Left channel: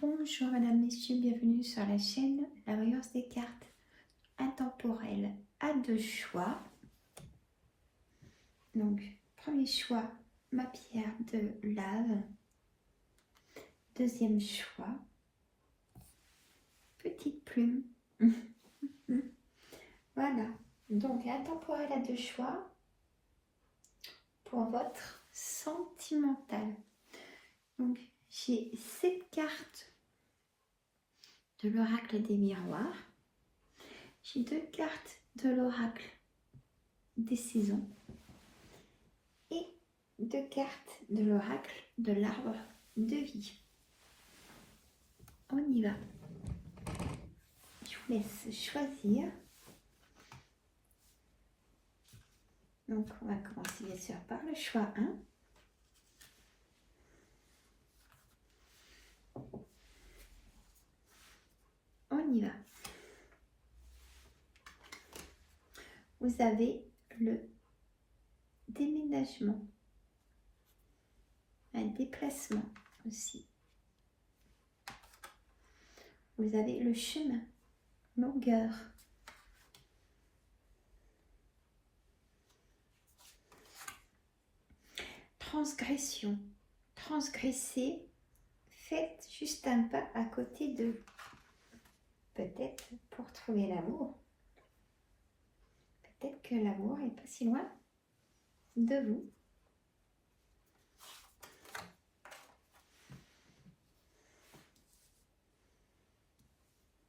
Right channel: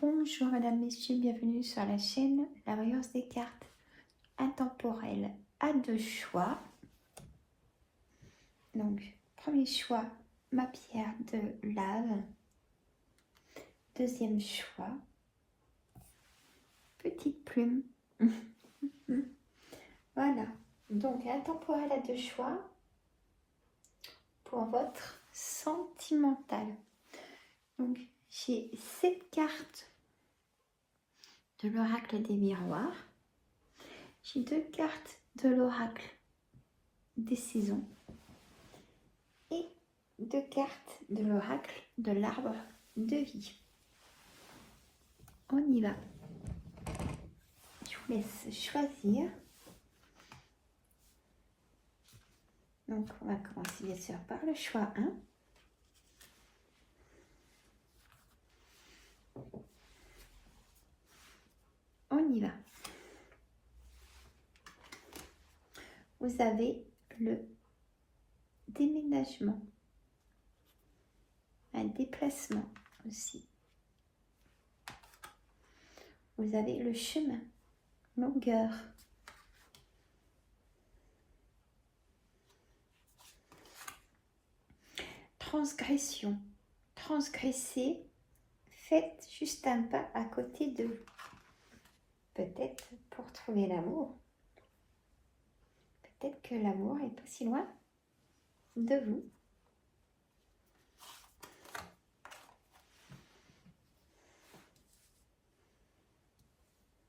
Bonjour Madame, Messieurs, bienvenue sur la chaîne La Voyance des cartes intemporelles à deux choix. Donc, premier choix, ma pierre de lave. Deuxième choix, petite plume. Voilà, donc intemporel à deux choix pour votre sentimental. Donc, j'ai 7 cartes de l'oracle des miroirs. J'ai 2 cartes de l'oracle des saisons et 2 cartes de l'oracle de l'arbre de vie. On y va. Je vous laisse choisir. Donc, on va commencer bien sûr par le choix 1. On y va. Vous avez le déménagement, un déplacement aussi. Vous avez le chemin, longueur. Transgression, transgresser, faites juste un pas à côté de vous. Peut-être pour trouver l'amour. Peut-être que l'amour est pas si loin de vous.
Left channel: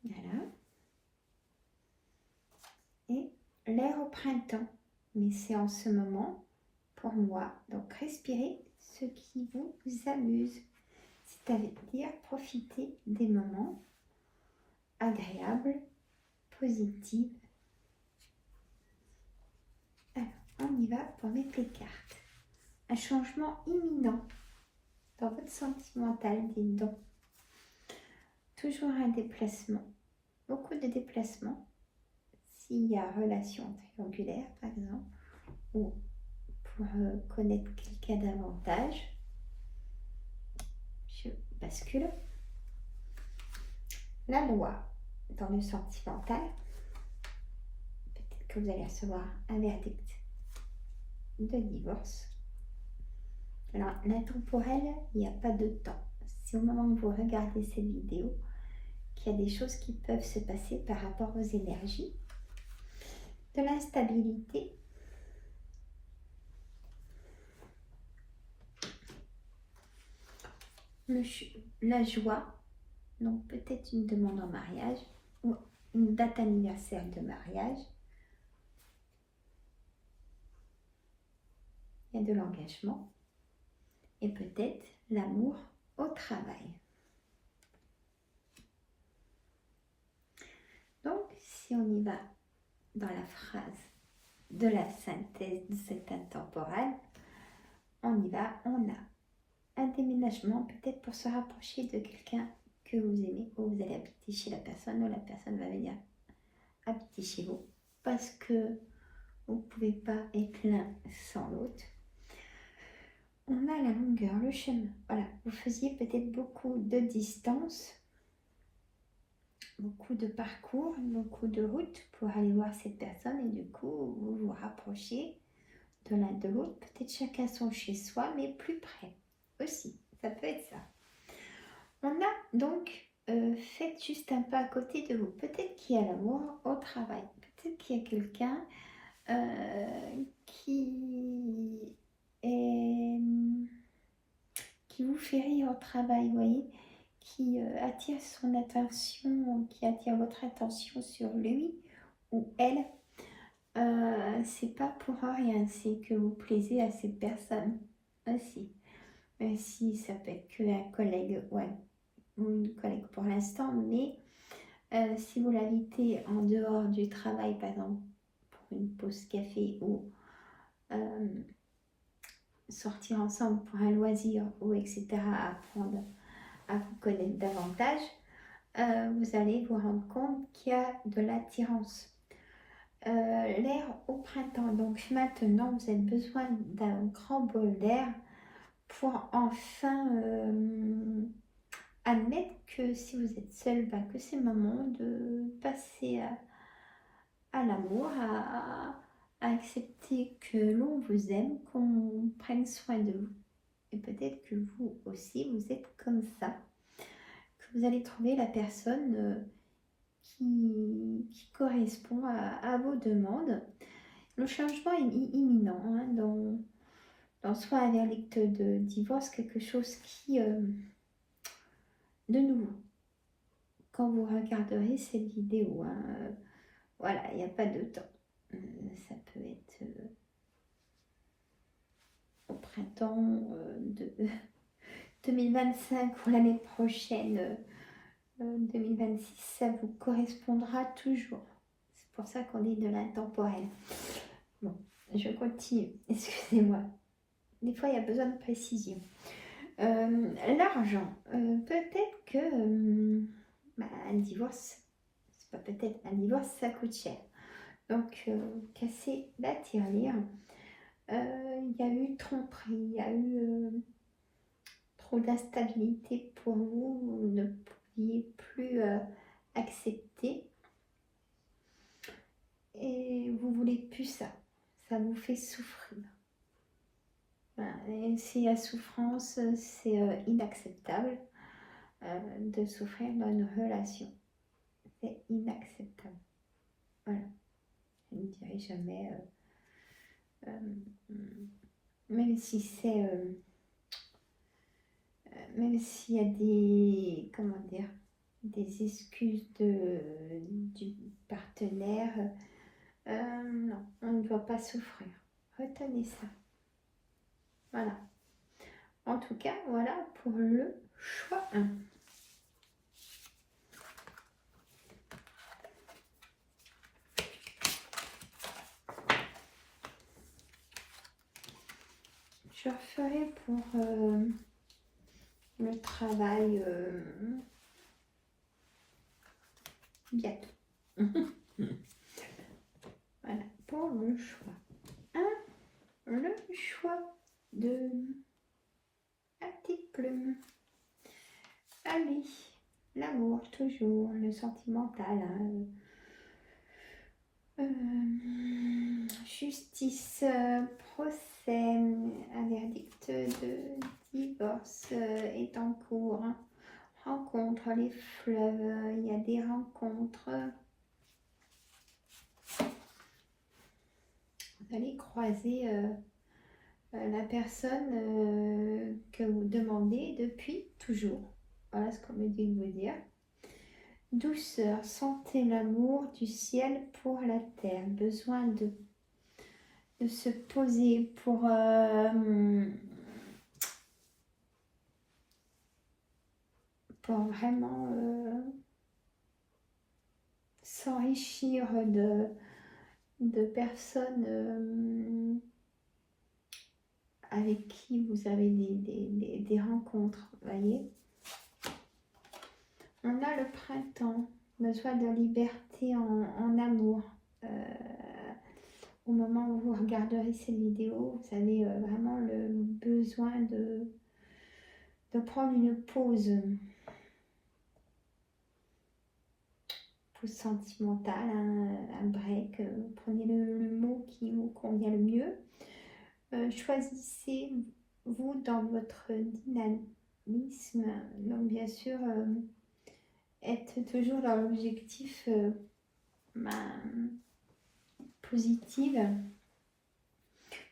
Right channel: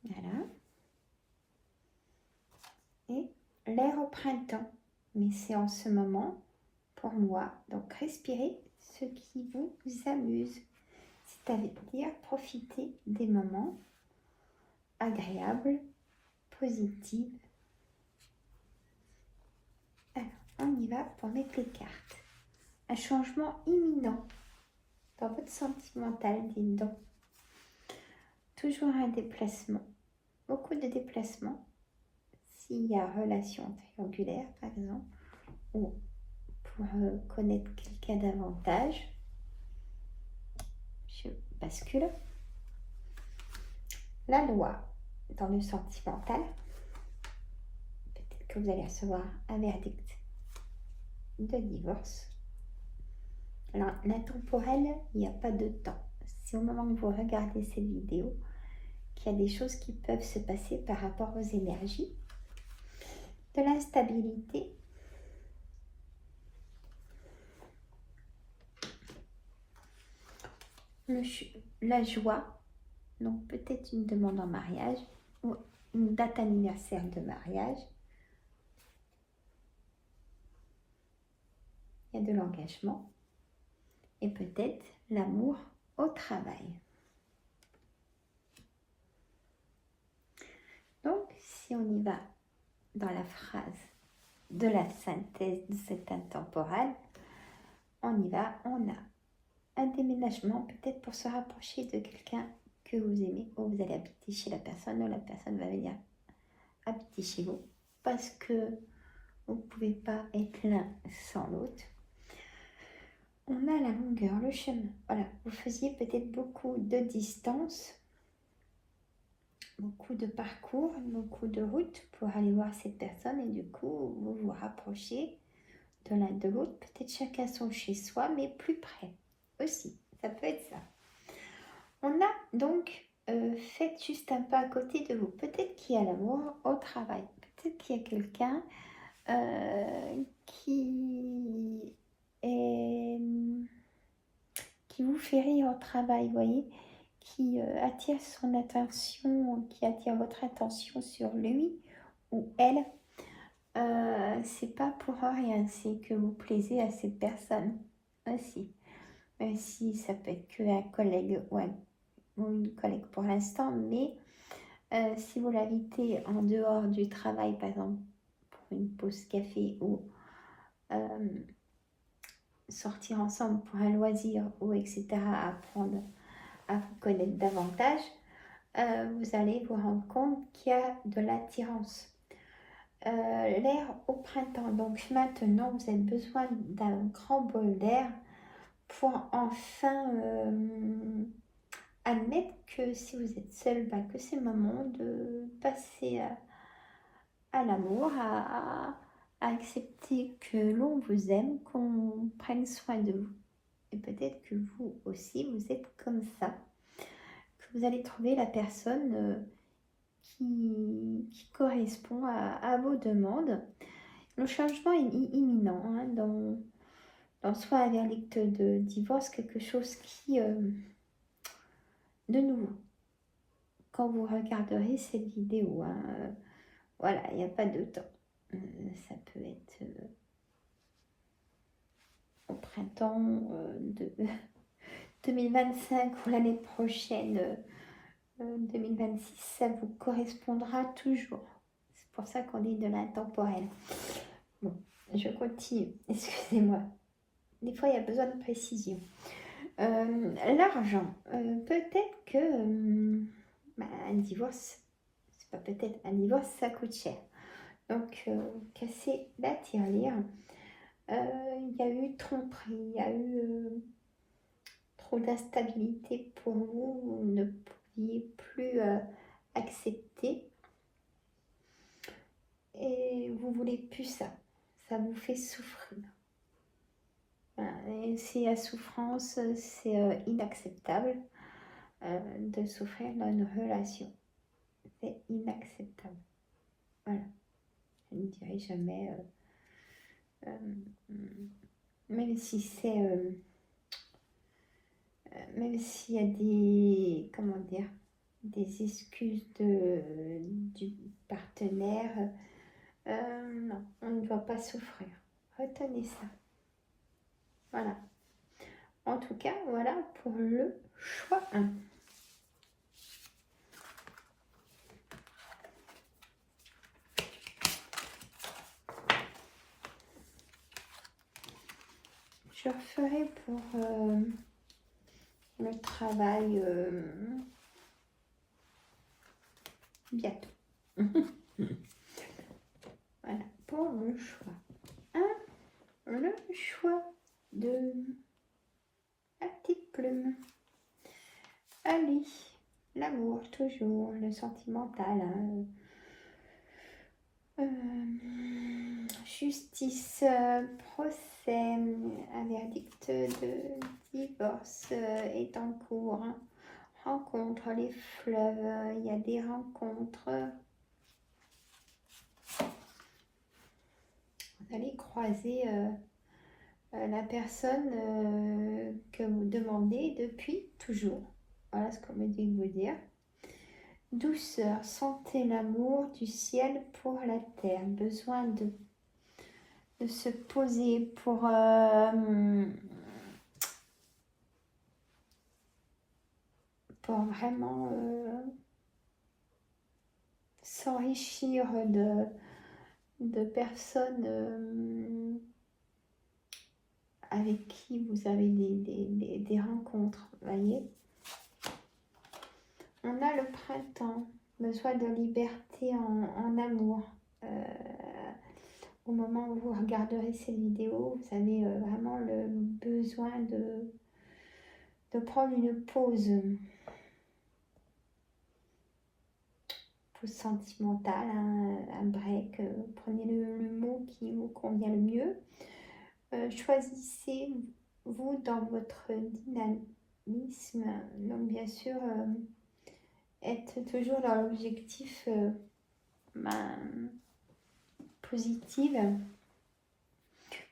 Voilà. Et l'air au printemps. Mais c'est en ce moment, pour moi, donc respirez ce qui vous amuse. C'est-à-dire profitez des moments agréables, positifs. Alors, on y va pour mettre les cartes. Un changement imminent dans votre sentimental, dites donc. Toujours un déplacement, beaucoup de déplacements. S'il y a relation triangulaire, par exemple, ou pour connaître quelqu'un davantage, je bascule. La loi dans le sentimental. Peut-être que vous allez recevoir un verdict de divorce. Alors, l'intemporel, il n'y a pas de temps. C'est au moment où vous regardez cette vidéo qu'il y a des choses qui peuvent se passer par rapport aux énergies. De l'instabilité. La joie. Donc, peut-être une demande en mariage ou une date anniversaire de mariage. Il y a de l'engagement. Et peut-être l'amour au travail. Donc, si on y va dans la phrase de la synthèse de cet intemporel, on y va, on a un déménagement peut-être pour se rapprocher de quelqu'un que vous aimez, ou vous allez habiter chez la personne, ou la personne va venir habiter chez vous, parce que vous ne pouvez pas être l'un sans l'autre. On a la longueur, le chemin. Voilà, vous faisiez peut-être beaucoup de distance, beaucoup de parcours, beaucoup de routes pour aller voir cette personne, et du coup, vous vous rapprochez de l'un de l'autre, peut-être chacun son chez soi, mais plus près aussi. Ça peut être ça. On a donc fait juste un pas à côté de vous. Peut-être qu'il y a l'amour au travail. Peut-être qu'il y a quelqu'un qui vous fait rire au travail, vous voyez, qui attire son attention, qui attire votre attention sur lui ou elle. C'est pas pour rien, c'est que vous plaisez à cette personne aussi. Même si ça peut être qu'un collègue ou une collègue pour l'instant, mais si vous l'invitez en dehors du travail, par exemple pour une pause café ou sortir ensemble pour un loisir ou etc., apprendre à vous connaître davantage, vous allez vous rendre compte qu'il y a de l'attirance. L'air au printemps, donc maintenant vous avez besoin d'un grand bol d'air pour enfin admettre que si vous êtes seul, bah, que c'est le moment de passer à l'amour, à accepter que l'on vous aime, qu'on prenne soin de vous. Et peut-être que vous aussi, vous êtes comme ça, que vous allez trouver la personne qui correspond à vos demandes. Le changement est imminent, hein, dans soit un verdict de divorce, quelque chose qui, de nouveau, quand vous regarderez cette vidéo, hein, voilà, il n'y a pas de temps. Ça peut être au printemps de 2025 ou l'année prochaine, 2026, ça vous correspondra toujours. C'est pour ça qu'on dit de l'intemporel. Bon, je continue, excusez-moi. Des fois, il y a besoin de précision. L'argent, peut-être que un divorce, c'est pas peut-être, un divorce, ça coûte cher. Donc, casser la tirelire. Il y a eu tromperie, il y a eu trop d'instabilité pour vous, vous ne pouviez plus accepter et vous voulez plus ça, ça vous fait souffrir. Voilà. Et si la souffrance, c'est inacceptable de souffrir dans une relation, c'est inacceptable. Voilà, je ne dirai jamais, même si c'est même s'il y a des, comment dire, des excuses du partenaire, non, on ne doit pas souffrir. Retenez ça. Voilà. En tout cas, voilà pour le choix 1. Je referai pour le travail bientôt. Voilà, pour le choix 1, le choix de la petite plume. Allez, l'amour, toujours, le sentimental. Justice, procès, un verdict de divorce est en cours. Rencontre, les fleuves, il y a des rencontres. Vous allez croiser la personne que vous demandez depuis toujours. Voilà ce qu'on me dit de vous dire. Douceur, sentez l'amour du ciel pour la terre. Besoin de se poser pour vraiment s'enrichir de personnes avec qui vous avez des rencontres, voyez. On a le printemps, besoin de liberté en amour. Au moment où vous regarderez cette vidéo, vous avez vraiment le besoin de prendre une pause sentimentale, un break. Prenez le mot qui vous convient le mieux. Choisissez-vous dans votre dynamisme. Donc bien sûr, être toujours dans l'objectif positive.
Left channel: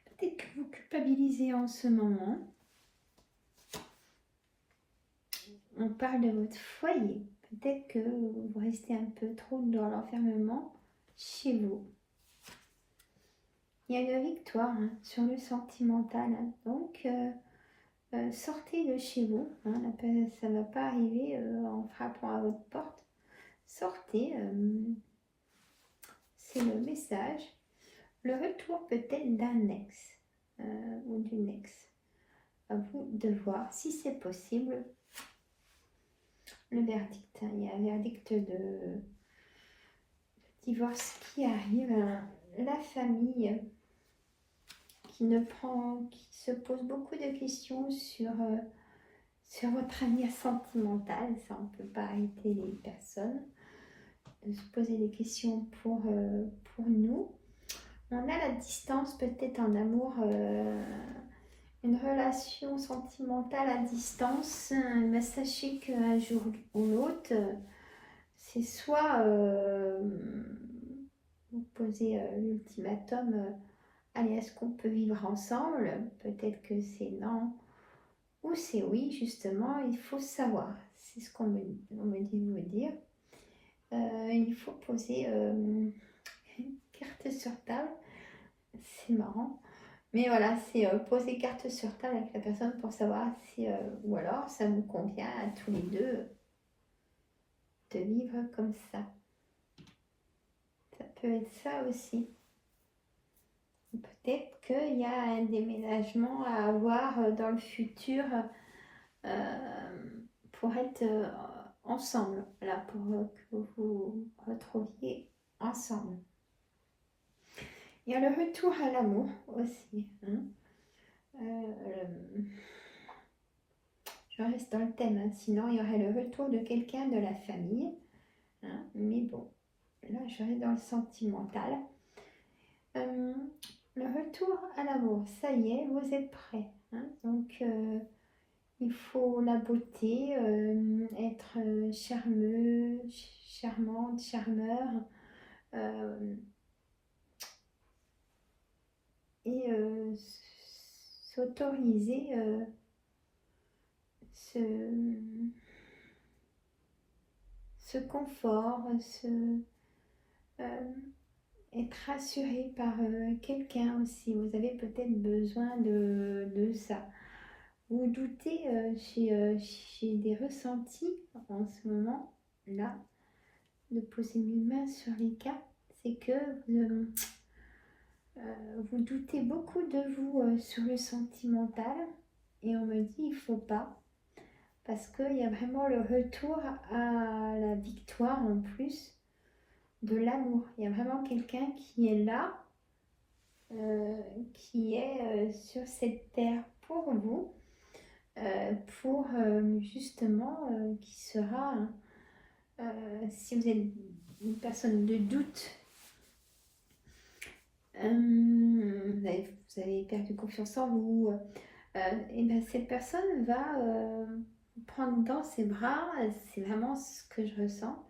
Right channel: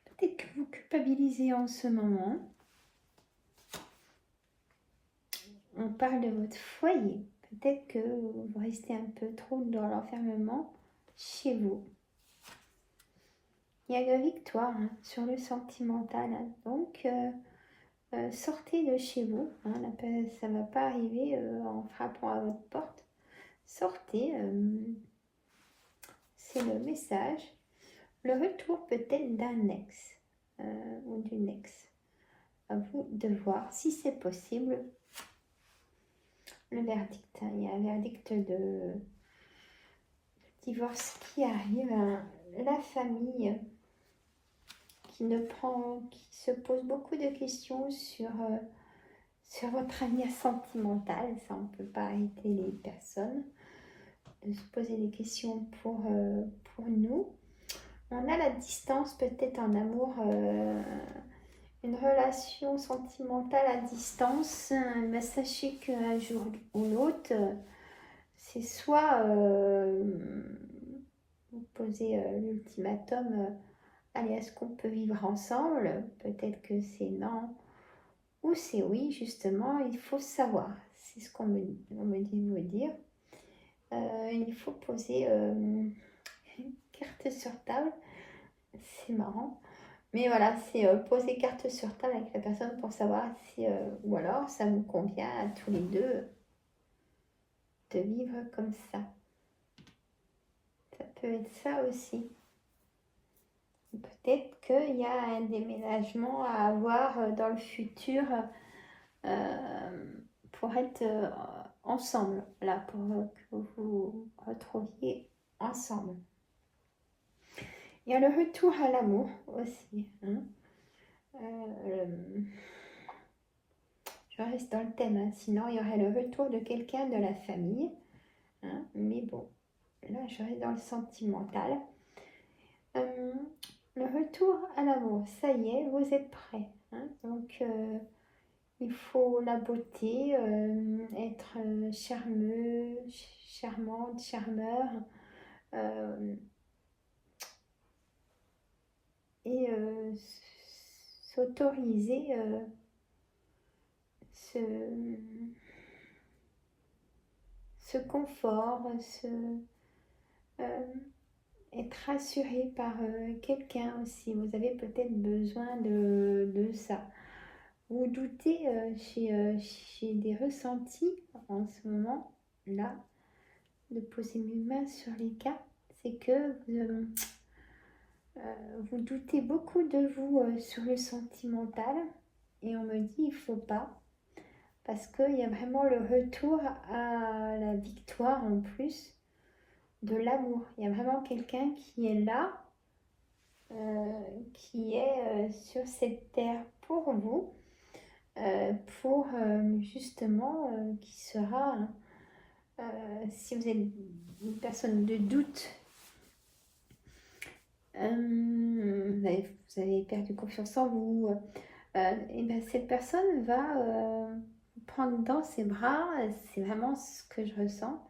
Peut-être que vous culpabilisez en ce moment. On parle de votre foyer. Peut-être que vous restez un peu trop dans l'enfermement chez vous. Il y a une victoire sur le sentimental. Donc, sortez de chez vous. Ça ne va pas arriver en frappant à votre porte. Sortez. C'est le message. Le retour peut-être d'un ex ou d'une ex. À vous de voir si c'est possible. Le verdict. Il y a un verdict de divorce qui arrive. La famille qui se pose beaucoup de questions sur sur votre avenir sentimental. Ça, on ne peut pas arrêter les personnes de se poser des questions pour nous. On a la distance peut-être en amour, une relation sentimentale à distance. Mais sachez qu'un jour ou l'autre, c'est soit vous posez l'ultimatum, allez, est-ce qu'on peut vivre ensemble? Peut-être que c'est non, ou c'est oui, justement, il faut savoir. C'est ce qu'on me dit de vous dire. Il faut poser une carte sur table. C'est marrant. Mais voilà, c'est poser carte sur table avec la personne pour savoir si, ou alors ça nous convient à tous les deux de vivre comme ça. Ça peut être ça aussi. Peut-être qu'il y a un déménagement à avoir dans le futur pour être ensemble, là, pour que vous vous retrouviez ensemble. Il y a le retour à l'amour aussi. Hein. Je reste dans le thème, hein. Sinon il y aurait le retour de quelqu'un de la famille. Hein. Mais bon, là je reste dans le sentimental. Le retour à l'amour, ça y est, vous êtes prêts. Hein. Donc il faut la beauté, être charmeux, charmante, charmeur. Et s'autoriser ce confort, être rassuré par quelqu'un aussi. Vous avez peut-être besoin de ça. Vous doutez chez des ressentis en ce moment, là, de poser mes mains sur les cartes, c'est que vous doutez beaucoup de vous sur le sentimental, et on me dit il ne faut pas, parce qu'il y a vraiment le retour à la victoire en plus de l'amour. Il y a vraiment quelqu'un qui est là, qui est sur cette terre pour vous, pour justement, qui sera, si vous êtes une personne de doute, vous avez perdu confiance en vous, et ben cette personne va prendre dans ses bras, c'est vraiment ce que je ressens,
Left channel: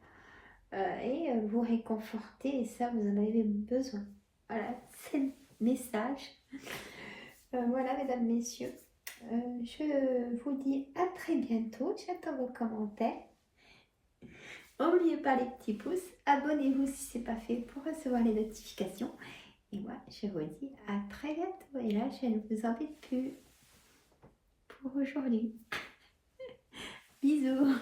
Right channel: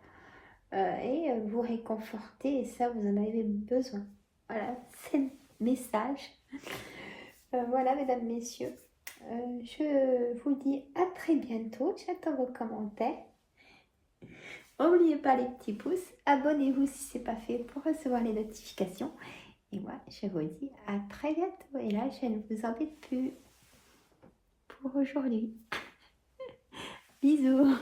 et vous réconforter, et ça vous en avez besoin. Voilà, c'est le message. Voilà, mesdames, messieurs, je vous dis à très bientôt. J'attends vos commentaires. N'oubliez pas les petits pouces, abonnez-vous si ce n'est pas fait pour recevoir les notifications. Et moi, je vous dis à très bientôt. Et là, je ne vous embête plus pour aujourd'hui. Bisous.